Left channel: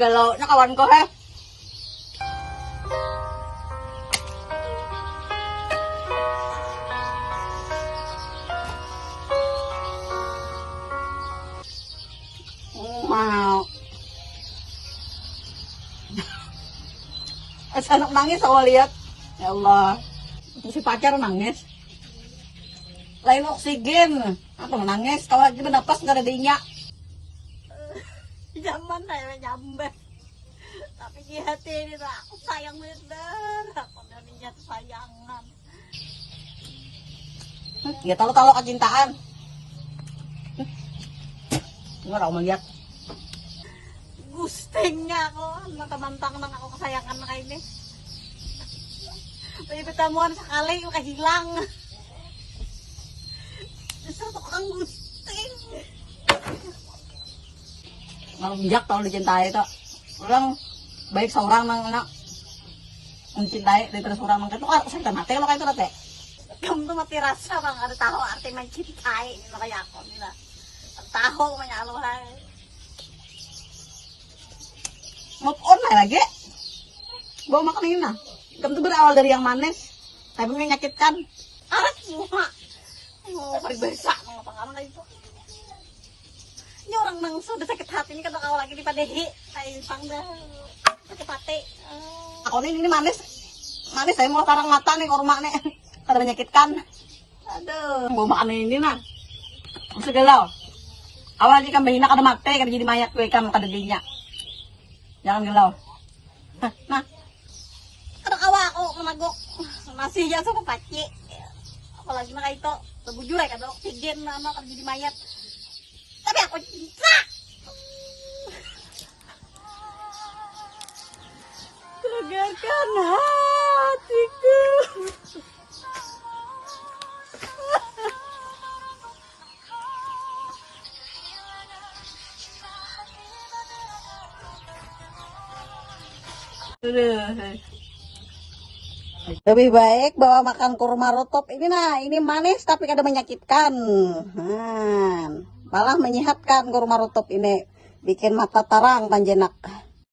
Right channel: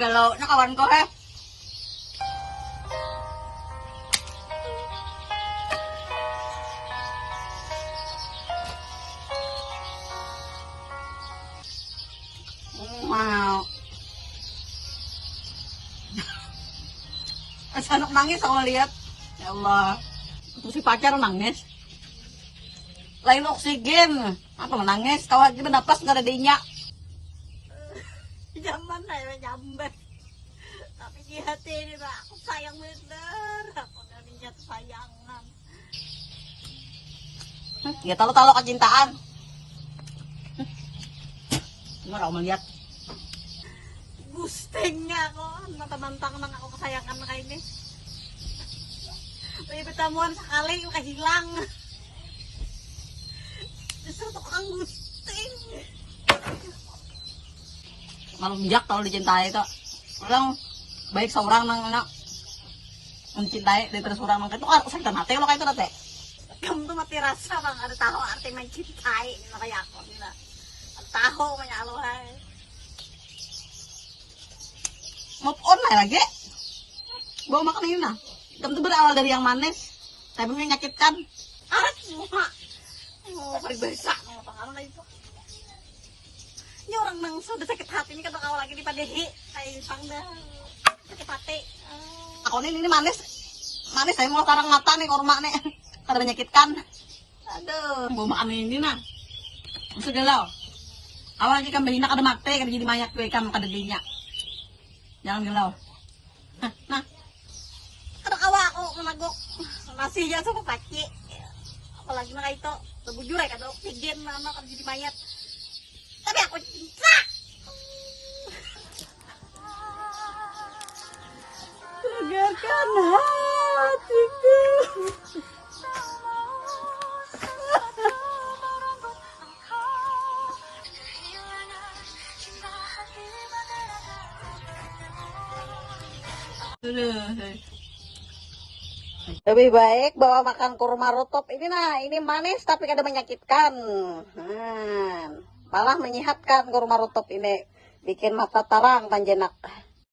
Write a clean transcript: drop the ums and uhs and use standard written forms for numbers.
Galau na kawan ko he. Wow. Anak nangis awal lihat. Ya Allah. Itu si pacar nangis. Lain oksigen. Apa nangis? Kau aja bernapas nggak ada dinya. Zaman saya nyamber. Tapi di hati ini aku sayang bener. Aku nggak sayangan. Ya tahu-tahu kecintaan. Enggak mau melihat. Gustengnya ako. Natamantang nang ako kasayangan na kayo ni. May pitamuan sekali yung kahilang. Justru to ang gusteng. Ngelunjak kalau dicintai itu. Orang baik seorang nang anak mencintai dari terus orang itu ah sakit hati kalau kayak itu teh. Kamu tuh mati rasa bang. Ada tahu arti mencintai. Makanya ako nila. Tahu manyaluhan. Move on lah lagi. Bawa makan ini nah. Kamu tuh berawal dari yang manis, tapi menyakitkan. Arat semua. Oh, peribahasa ng pangalan kayo po. Ini orang nang sudah sakit hati ini kan kau lagi di padehi. Ay, pangda. Sakit hati. Aku ini manis. Manis saya mau karang mata nih korma nih. Kada menyakitkan. Aduh, bawa makan ini nah. Masuk galau. Awal jika bahina kada mati, kada jadi mayat gue kan kada dinya. Jangan galau. Nah. Kada kawa ako managok. Masih ya sa papaci. Apalagi na kayo to. Sabujur ay kada oksigen na kada jadi mayat. Tapi ako cinta. Tegarkan hatiku. Lebih baik bawa makan kurma rutop ini nah, ini manis tapi kada menyakitkan. Malah menyehatkan kurma rutop ini, bikin mata terang panjenak.